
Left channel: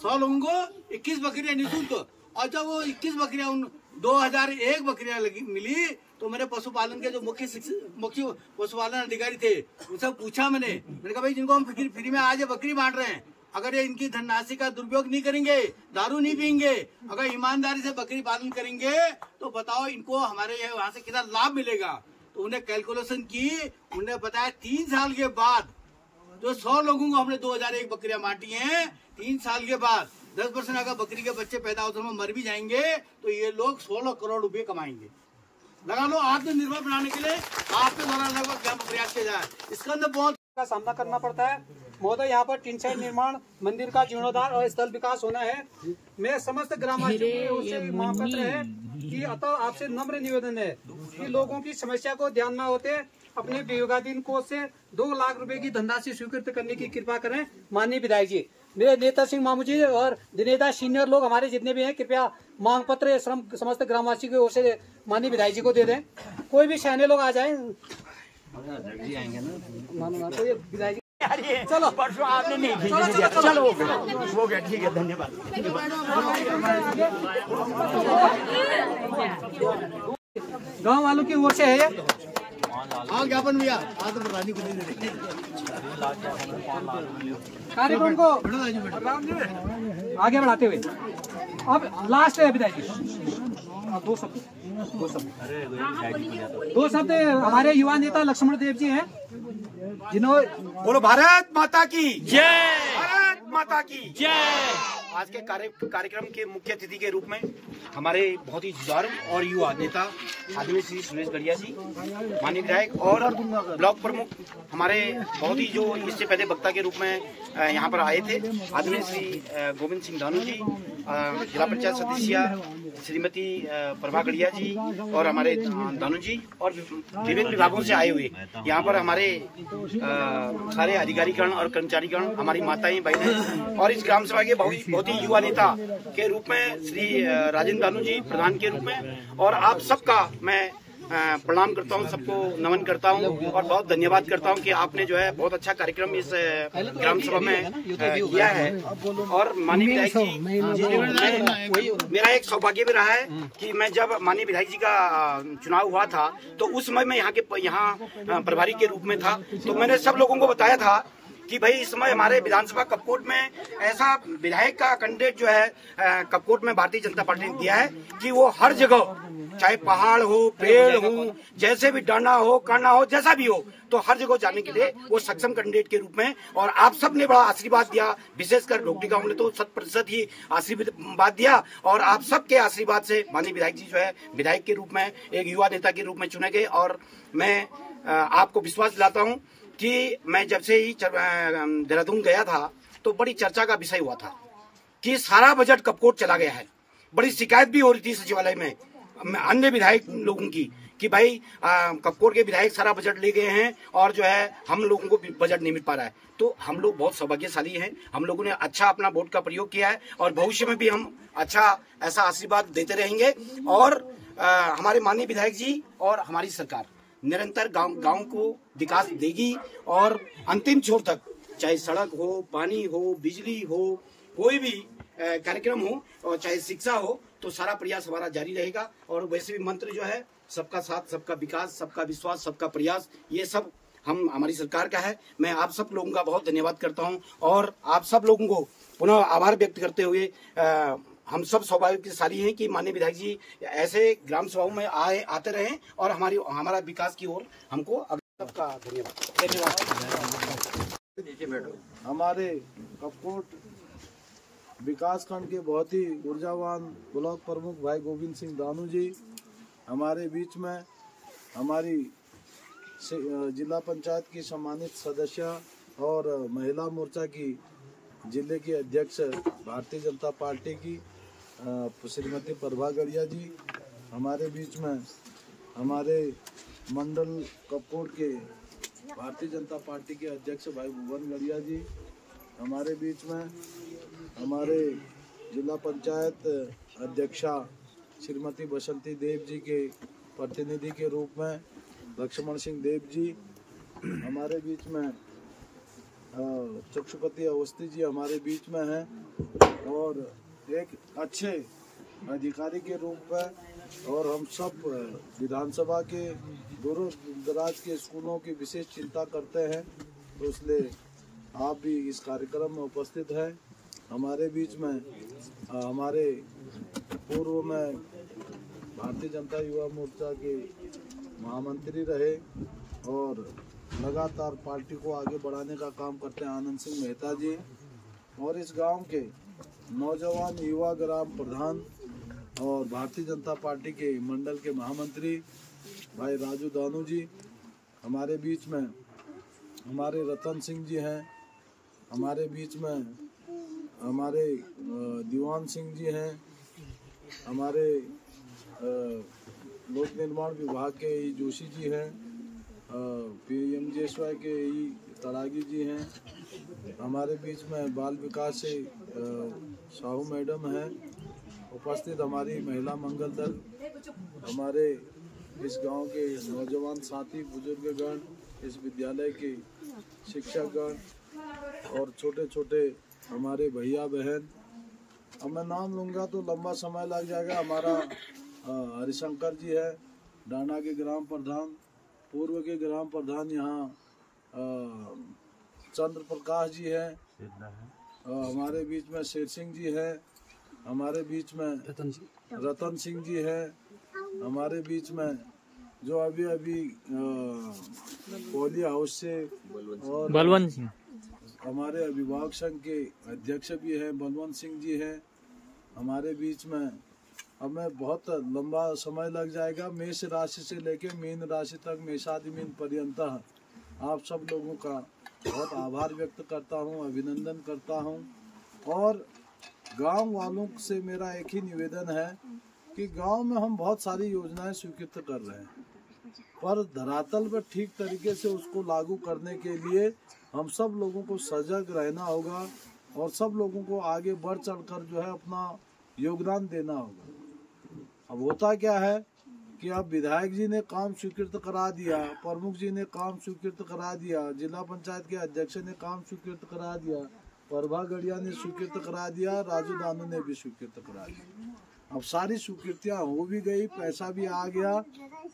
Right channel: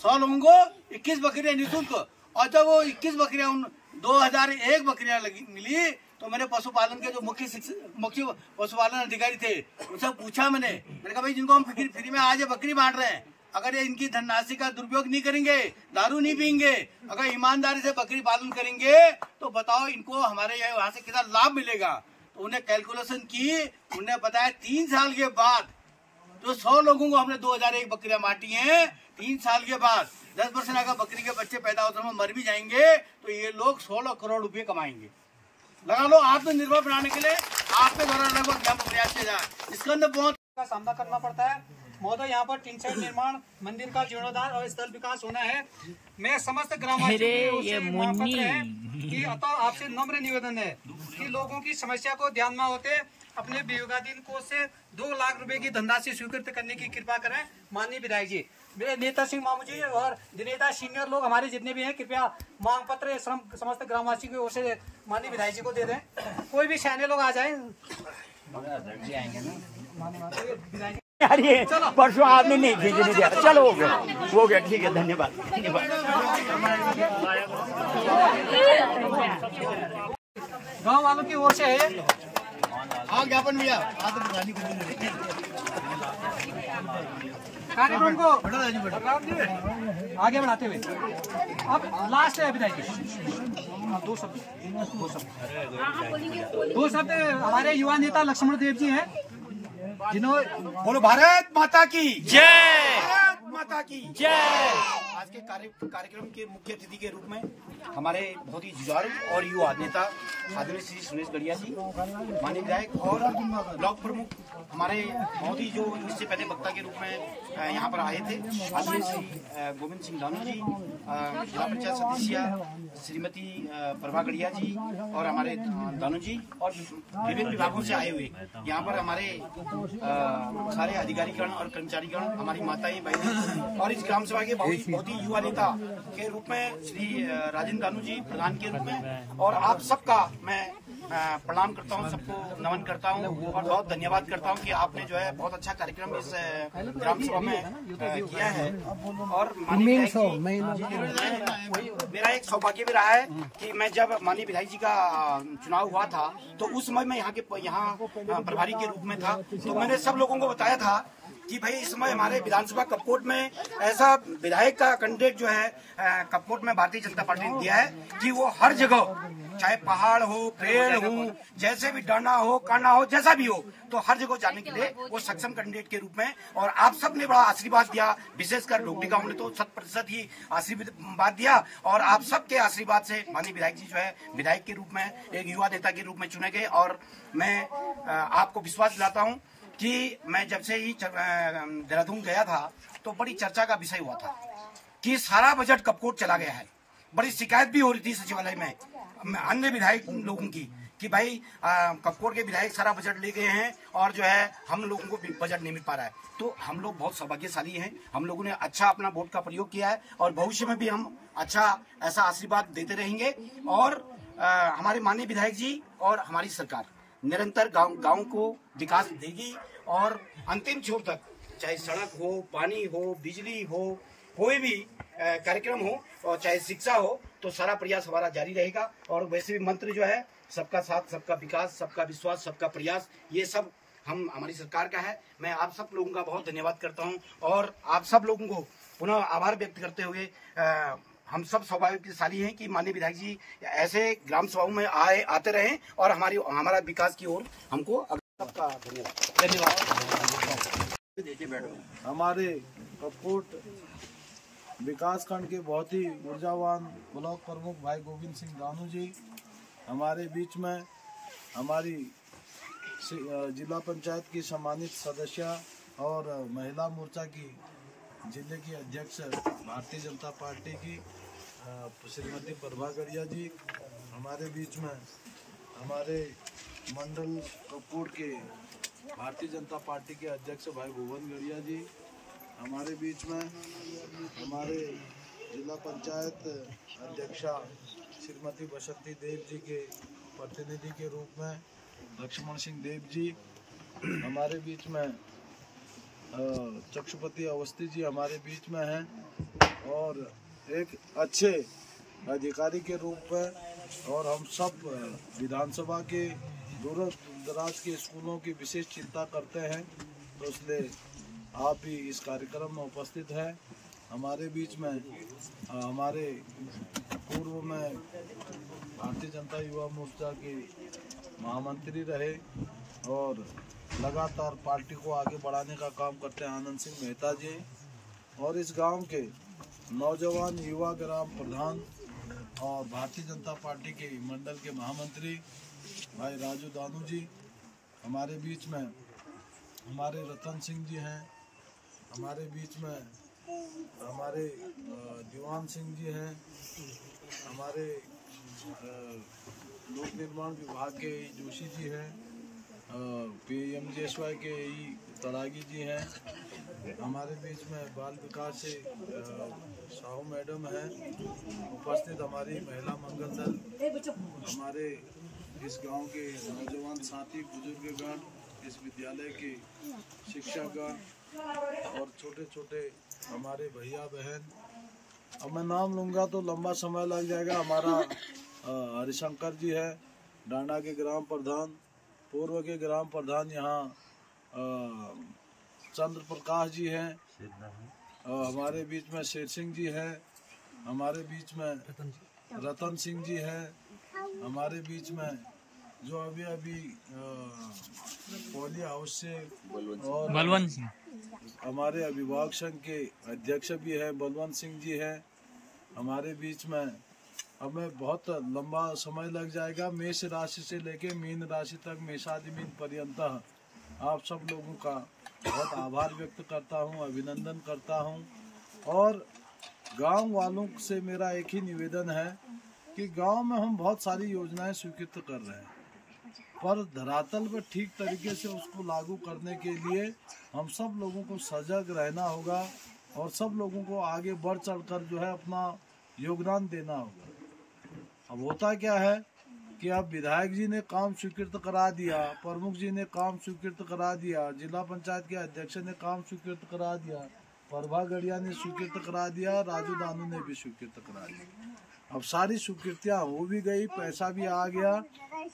100 लोगों को 21 बकरियां निःशुल्क, और जब वो 21 बकरियां 2001 बकरियां मिली तो मैंने पशुपालन के जो मुख्य पशुपालन अधिकारी थे उनसे पूछा, मैंने कहा भाई जिनको हम फ्री में आज बकरी बांट रहे हैं अगर ये इनकी धनराशि का दुरुपयोग नहीं करेंगे, दारू नहीं पियेंगे, अगर ईमानदारी से बकरी पालन करेंगे तो बताओ इनको हमारे यहाँ से कितना लाभ मिलेगा। तो उन्हें कैलकुलेशन की, उन्हें बताया 3 साल के बाद जो 100 लोगों को हमने 2001 बकरियां बांटी हैं, 3 साल के बाद 10% अगर बकरी के बच्चे पैदा होते हैं मर भी जाएंगे तो ये लोग 16 करोड़ रुपए कमाएंगे। लगा लो, आत्मनिर्भर बनाने के लिए आपके द्वारा लगभग क्या प्रयास किया जाए। इसके अंदर बहुत का सामना करना पड़ता है। महोदय, यहाँ पर टीन शेड निर्माण, मंदिर का जीर्णोद्धार और स्थल विकास होना है। मैं समस्त ग्रामवासियों की अतः आपसे नम्र निवेदन है कि लोगों की समस्या को ध्यान में होते अपने विवेकाधीन कोष से 2 लाख रुपए की धनराशि स्वीकृत करने की कृपा करें। माननीय विधायक जी, मेरे नेता सिंह मामू जी और दिनेता सीनियर लोग हमारे जितने भी हैं, कृपया मांग पत्र समस्त ग्रामवासियों की ओर से माननीय विधायक जी को दे दें। कोई भी सैन्य लोग आ जाए, विधायक चलो परसों आपने नहीं भेजे, चलो हो गया ठीक है, धन्यवाद। गांव वालों की ओर से है ज्ञापन भैया कार्यक्रम को आगे बढ़ाते हुए अब लास्ट है विधायक जी, दो शब्द हमारे युवा नेता लक्ष्मण देव जी हैं, जिन्होंने बोलो भारत माता की जय, भारत माता की जय। आज के कार्यक्रम के मुख्य अतिथि के रूप में हमारे बहुत ही जुझारू और युवा नेता आदरणीय श्री सुरेश गढ़िया जी, माननीय विधायक और ब्लॉक प्रमुख हमारे बहुत ही जो इससे पहले वक्ता के रूप में यहाँ पर आए थे, आदरणीय श्री गोविंद सिंह दानू जी, जिला पंचायत सदस्य श्रीमती प्रभा गढ़िया जी और हमारे दानू जी और विभिन्न विभागों से आए हुए यहाँ पर हमारे सारे अधिकारीगण और कर्मचारीगण, हमारी माताएं बहनें और इस ग्राम सभा के बहुत ही युवा नेता के रूप में श्री राजेंद्र दानू जी प्रधान के रूप में, और आप सबका मैं प्रणाम करता हूं, सबको नमन करता हूं और बहुत धन्यवाद करता हूं कि आपने जो है बहुत अच्छा कार्यक्रम इस ग्राम सभा में किया है। और माननीय विधायक जी, मेरा एक सौभाग्य भी रहा है कि मैं जब माननीय विधायक जी का चुनाव हुआ था तो उस समय मैं यहाँ प्रभारी के रूप में था, तो मैंने सब लोगों को बताया था कि भाई इस समय हमारे विधानसभा कपकोट में ऐसा विधायक का कैंडिडेट जो है कपकोट में भारतीय जनता पार्टी ने दिया है कि वो हर जगह, चाहे पहाड़ हो, पेड़ हो, जैसे भी डांडा हो, काना हो, जैसा भी हो, तो हर जगह जाने के लिए वो सक्षम कैंडिडेट के रूप में, और आप सब ने बड़ा आशीर्वाद दिया, विशेषकर ढोकटी गांव ने तो 100% ही आशीर्वाद दिया, और आप सबके आशीर्वाद से माननीय विधायक जी जो है विधायक के रूप में, एक युवा नेता के रूप में चुने गए। और मैं आपको विश्वास दिलाता हूँ कि मैं जब से ही देहरादून गया था तो बड़ी चर्चा का विषय हुआ था कि सारा बजट कपकोट चला गया है। बड़ी शिकायत भी हो रही थी सचिवालय में अन्य विधायक लोगों की कि भाई कपकोट के विधायक सारा बजट ले गए हैं और जो है हम लोगों को बजट नहीं मिल पा रहा है। तो हम लोग बहुत सौभाग्यशाली हैं, हम लोगों ने अच्छा अपना वोट का प्रयोग किया है और भविष्य में भी हम अच्छा ऐसा आशीर्वाद देते रहेंगे। और हमारे माननीय विधायक जी और हमारी सरकार निरंतर गांव को विकास देगी और अंतिम छोर तक, चाहे सड़क हो, पानी हो, बिजली हो, कोई भी कार्यक्रम हो और चाहे शिक्षा हो, तो सारा प्रयास हमारा जारी रहेगा। और वैसे भी मंत्र जो है सबका साथ, सबका विकास, सबका विश्वास, सबका प्रयास, ये सब हमारी सरकार का है। मैं आप सब लोगों का बहुत धन्यवाद करता हूं और आप सब लोगों को पुनः आभार व्यक्त करते हुए हम सब सौभाग्यशाली हैं कि माननीय विधायक जी ऐसे ग्राम सभाओं में आते रहें और हमारा विकास की ओर हमको सबका धन्यवाद। हमारे कपकोट विकास खंड के बहुत ही ऊर्जावान ब्लॉक प्रमुख भाई गोविंद सिंह दानू जी हमारे बीच में, हमारी जिला पंचायत की सम्मानित सदस्य और महिला मोर्चा की जिले की अध्यक्ष भारतीय जनता पार्टी की श्रीमती प्रभा गढ़िया जी हमारे बीच में, हमारे मंडल कपकोट के भारतीय जनता पार्टी के अध्यक्ष भाई भुवन गढ़िया जी हमारे बीच में, हमारे जिला पंचायत अध्यक्षा श्रीमती बसंती देव जी के प्रतिनिधि के रूप में लक्ष्मण सिंह देव जी हमारे बीच में, चक्षुपति अवस्थी जी हमारे बीच में हैं और एक अच्छे अधिकारी के रूप में, और हम सब विधानसभा के दूर दराज के स्कूलों की विशेष चिंता करते हैं, तो इसलिए आप भी इस कार्यक्रम में उपस्थित हैं। हमारे बीच में हमारे पूर्व में भारतीय जनता युवा मोर्चा के महामंत्री रहे और लगातार पार्टी को आगे बढ़ाने का काम करते हैं आनंद सिंह मेहता जी, और इस गांव के नौजवान युवा ग्राम प्रधान और भारतीय जनता पार्टी के मंडल के महामंत्री भाई राजू दानू जी। हमारे बीच में हमारे रतन सिंह जी हैं, हमारे बीच में हमारे दीवान सिंह जी हैं, हमारे लोक निर्माण विभाग के ई जोशी जी हैं, PMJSY के ई तड़ागी जी हैं, हमारे बीच में बाल विकास से साहू मैडम हैं उपस्थित, हमारी महिला मंगल दल, हमारे इस गांव के नौजवान साथी बुजुर्गगण, इस विद्यालय के शिक्षकगण और छोटे छोटे हमारे भैया बहन। अब मैं नाम लूँगा तो लंबा समय लग जाएगा। हमारा हरिशंकर जी है, डांडा के ग्राम प्रधान, पूर्व के ग्राम प्रधान यहाँ चंद्र प्रकाश जी हैं, हमारे बीच में शेर सिंह जी हैं, हमारे बीच में रतन सिंह जी हैं, हमारे बीच में जो अभी पोली हाउस से और बलवंत सिंह, हमारे अभिभावक संघ के अध्यक्ष भी हैं बलवंत सिंह जी हैं हमारे बीच में। अब मैं बहुत लंबा समय लग जाएगा। मेष राशि से लेके मीन राशि तक, मेषादि मीन पर्यंत आप सब लोगों का बहुत आभार व्यक्त करता हूं, अभिनंदन करता हूं। और गांव वालों से मेरा एक ही निवेदन है कि गांव में हम बहुत सारी योजनाएं स्वीकृत कर रहे हैं, पर धरातल पर ठीक तरीके से उसको लागू करने के लिए हम सब लोगों को सजग रहना होगा और सब लोगों को आगे बढ़ चढ़कर जो है अपना योगदान देना होगा। अब होता क्या है कि अब विधायक जी ने काम स्वीकृत करा दिया, प्रमुख जी ने काम स्वीकृत करा दिया, जिला पंचायत के अध्यक्ष ने काम स्वीकृत करा दिया, प्रभा गढ़िया ने स्वीकृत करा दिया, राजू दानू ने भी स्वीकृत करा दिया। अब सारी स्वीकृतियां हो भी गई, पैसा भी आ गया,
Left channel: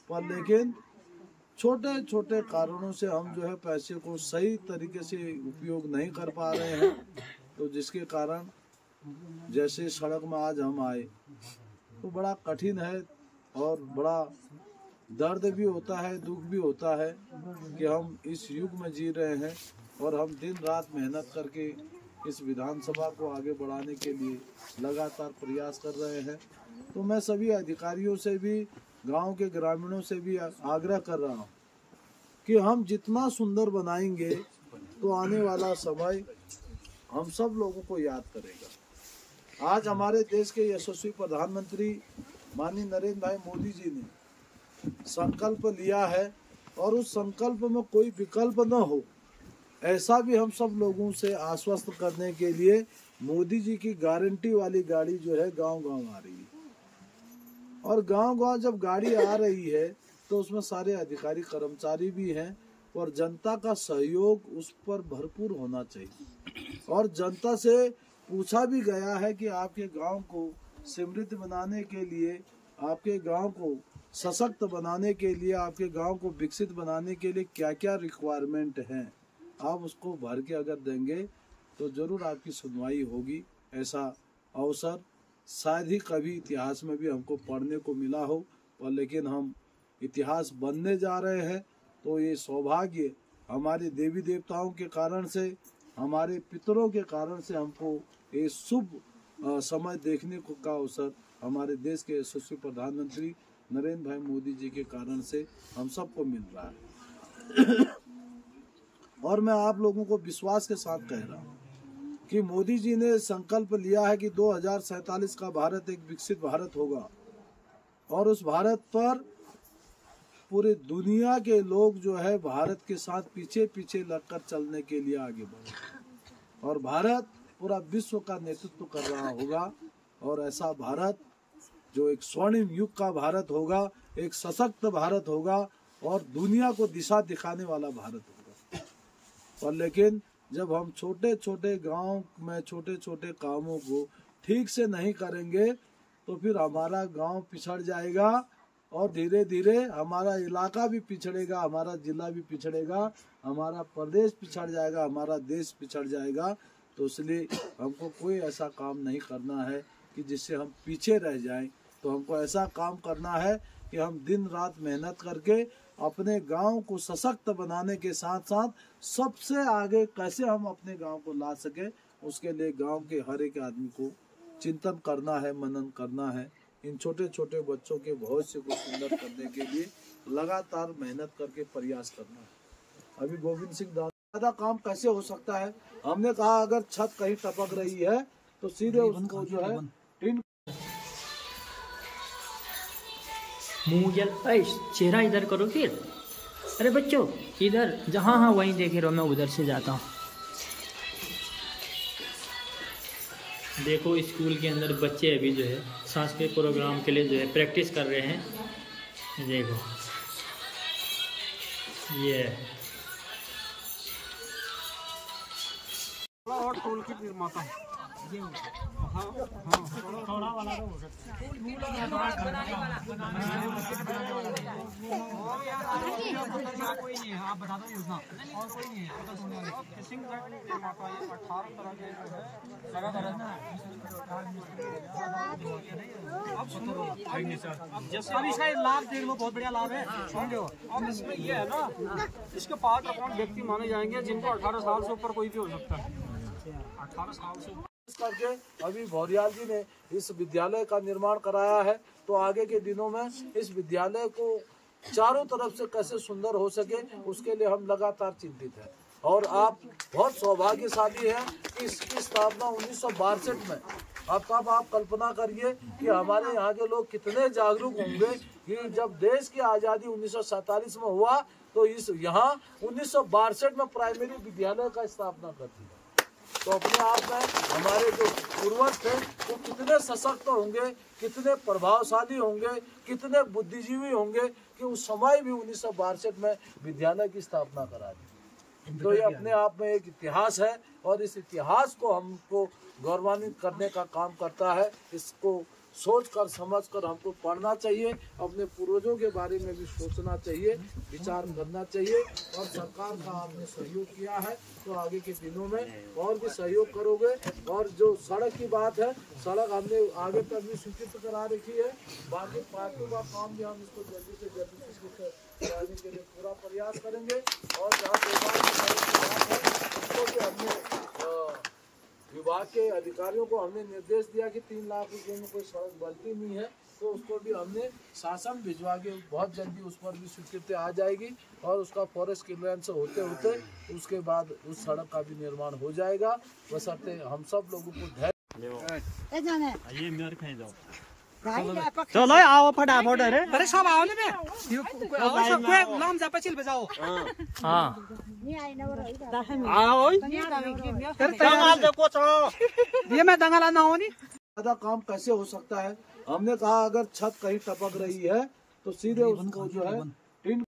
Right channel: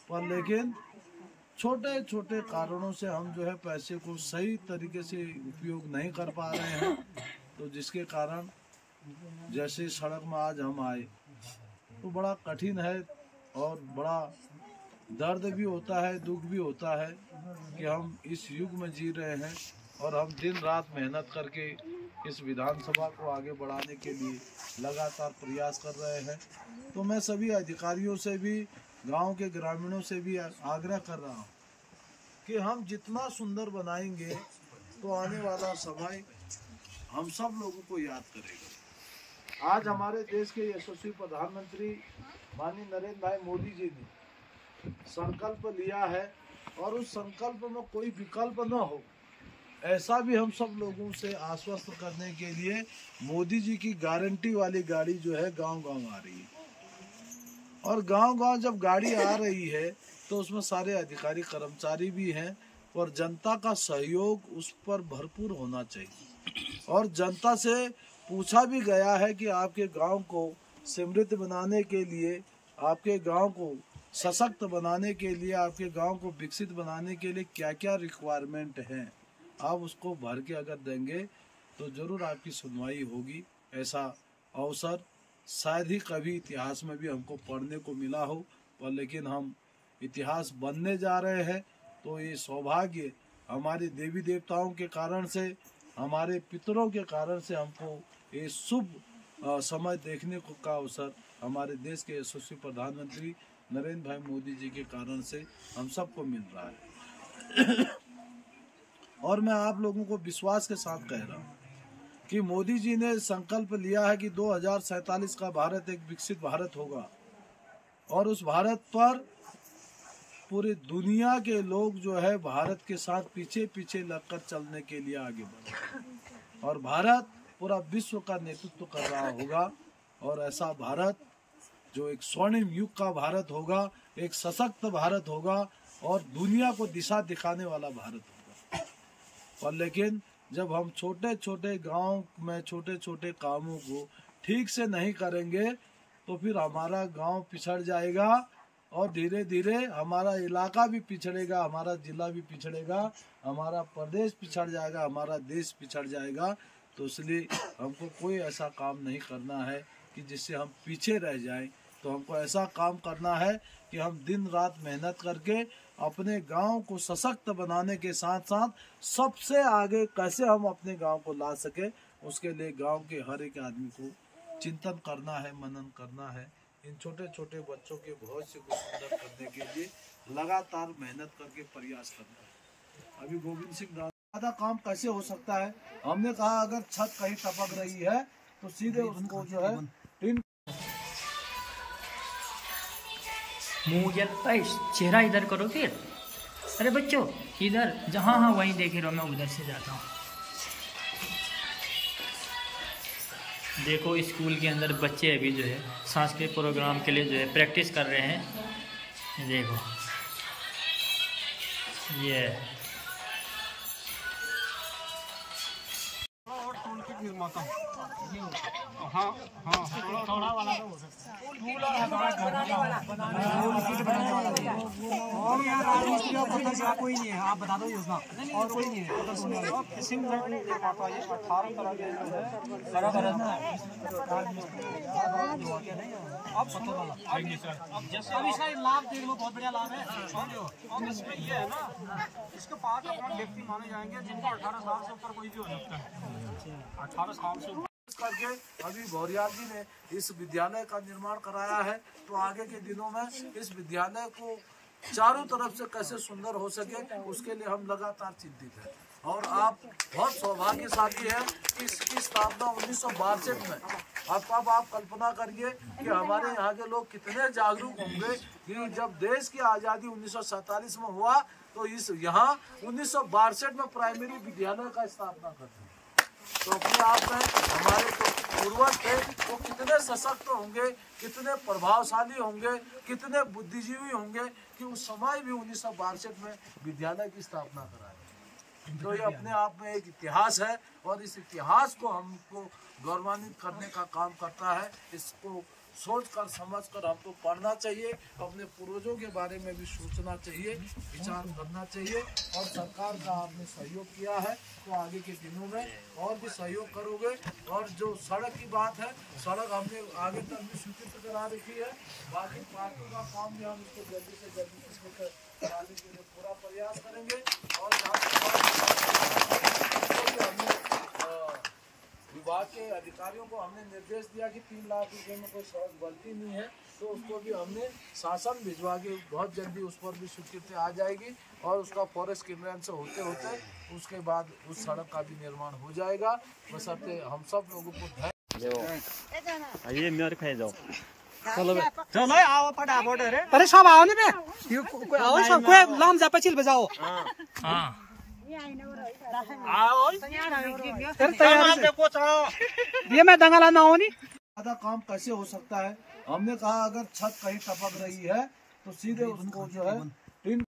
पर लेकिन छोटे छोटे कारणों से हम जो है पैसे को सही तरीके से उपयोग नहीं कर पा रहे हैं। तो जिसके कारण जैसे सड़क में आज हम आए तो बड़ा कठिन है और बड़ा दर्द भी होता है, दुख भी होता है कि हम इस युग में जी रहे हैं और हम दिन रात मेहनत करके इस विधानसभा को आगे बढ़ाने के लिए लगातार प्रयास कर रहे हैं। तो मैं सभी अधिकारियों से भी, गांव के ग्रामीणों से भी आग्रह कर रहा हूं कि हम जितना सुंदर बनाएंगे तो आने वाला समय हम सब लोगों को याद करेगा। आज हमारे देश के यशस्वी प्रधानमंत्री माननीय नरेंद्र भाई मोदी जी ने संकल्प लिया है और उस संकल्प में कोई विकल्प न हो, ऐसा भी हम सब लोगों से आश्वस्त करने के लिए मोदी जी की गारंटी वाली गाड़ी जो है गांव-गांव आ रही है। और गांव-गांव जब गाड़ी आ रही है तो उसमें सारे अधिकारी कर्मचारी भी हैं और जनता का सहयोग उस पर भरपूर होना चाहिए। और जनता से पूछा भी गया है कि आपके गांव को समृद्ध बनाने के लिए, आपके गांव को सशक्त बनाने के लिए, आपके गांव को विकसित बनाने के लिए क्या क्या रिक्वायरमेंट हैं, आप उसको भर के अगर देंगे तो जरूर आपकी सुनवाई होगी। ऐसा अवसर शायद ही कभी इतिहास में भी हमको पढ़ने को मिला हो, पर लेकिन हम इतिहास बनने जा रहे हैं। तो ये सौभाग्य हमारे देवी देवताओं के कारण से, हमारे पितरों के कारण से हमको ये शुभ समय देखने को का अवसर हमारे देश के यशस्वी प्रधानमंत्री नरेंद्र भाई मोदी जी के कारण से हम सबको मिल रहा है। और मैं आप लोगों को विश्वास के साथ कह रहा हूँ कि मोदी जी ने संकल्प लिया है कि 2047 का भारत एक विकसित भारत होगा और उस भारत पर पूरी दुनिया के लोग जो है भारत के साथ पीछे पीछे लगकर चलने के लिए आगे बढ़े और भारत पूरा विश्व का नेतृत्व कर रहा होगा। और ऐसा भारत जो एक स्वर्णिम युग का भारत होगा, एक सशक्त भारत होगा और दुनिया को दिशा दिखाने वाला भारत होगा। पर लेकिन जब हम छोटे छोटे गांव में छोटे छोटे कामों को ठीक से नहीं करेंगे तो फिर हमारा गांव पिछड़ जाएगा और धीरे धीरे हमारा इलाका भी पिछड़ेगा, हमारा जिला भी पिछड़ेगा, हमारा प्रदेश पिछड़ जाएगा, हमारा देश पिछड़ जाएगा। तो इसलिए हमको कोई ऐसा काम नहीं करना है कि जिससे हम पीछे रह जाएं। तो हमको ऐसा काम करना है कि हम दिन रात मेहनत करके अपने गांव को सशक्त बनाने के साथ साथ सबसे आगे कैसे हम अपने गांव को ला सके, उसके लिए गांव के हर एक आदमी को चिंतन करना है, मनन करना है। इन छोटे छोटे बच्चों के भविष्य को सुंदर करने के लिए लगातार मेहनत करके प्रयास करना है। अभी गोविंद सिंह ज्यादा काम कैसे हो सकता है, हमने कहा अगर छत कहीं टपक रही है तो सीधे उसको जो है चेहरा इधर करो फिर। अरे बच्चों इधर, जहाँ हाँ वहीं देखे रहो, मैं उधर से जाता हूँ। देखो स्कूल के अंदर बच्चे अभी जो है सांस्कृतिक प्रोग्राम के लिए जो है प्रैक्टिस कर रहे हैं। देखो ये निर्माता हाँ हाँ थोड़ा वाला कोई नहीं है, आप बता दो योजना और कोई नहीं है। अब इसका लाभ देख लो, बहुत बढ़िया लाभ है। और इसमें ये है ना, इसके 5 व्यक्ति माने जाएंगे जिनका 18 साल से ऊपर कोई भी हो सकता है। 18 साल से करके अभी भौरियाल जी ने इस विद्यालय का निर्माण कराया है। तो आगे के दिनों में इस विद्यालय को चारों तरफ से कैसे सुंदर हो सके, उसके लिए हम लगातार चिंतित हैं। और आप बहुत सौभाग्यशाली हैं कि इसकी स्थापना 1962 में। अब आप कल्पना करिए कि हमारे यहाँ के लोग कितने जागरूक होंगे कि जब देश की आज़ादी 1947 में हुआ तो इस यहाँ 1962 में प्राइमरी विद्यालय का स्थापना कर दी। तो अपने आप में हमारे जो पूर्वज थे वो कितने सशक्त होंगे, कितने प्रभावशाली होंगे, कितने बुद्धिजीवी होंगे कि उस समय भी 1962 में विद्यालय की स्थापना करा दी। तो ये अपने आप में एक इतिहास है और इस इतिहास को हमको गौरवान्वित करने का काम करता है। इसको सोचकर समझकर हमको पढ़ना चाहिए, अपने पूर्वजों के बारे में भी सोचना चाहिए, विचार करना चाहिए। और सरकार का आपने सहयोग किया है तो आगे के दिनों में और भी सहयोग करोगे। और जो सड़क की बात है, सड़क हमने आगे तक भी स्वीकृत करा रखी है। बाकी पार्टी का काम भी हम इसको जल्दी से जल्दी स्वीकृत कराने के लिए पूरा प्रयास करेंगे। और हमने विभाग के अधिकारियों को हमने निर्देश दिया कि 3 लाख रुपए में कोई सड़क बनती नहीं है तो उसको भी हमने शासन भिजवा के बहुत जल्दी उस पर भी स्वीकृति आ जाएगी और उसका फॉरेस्ट क्लियरेंस होते होते उसके बाद उस सड़क का भी निर्माण हो जाएगा। बशर्ते हम सब लोगों को धैर्य। ये मेरे खाए जाओ, चलो आओ फटाफट रे, अरे सब आओ ना, आओ सब कोई लाम जा पछिल बजाओ। हाँ आओ ये मैं दंगला ना हो नहीं। ज्यादा काम कैसे हो सकता है, हमने कहा अगर छत कहीं टपक रही है तो सीधे उसको जो है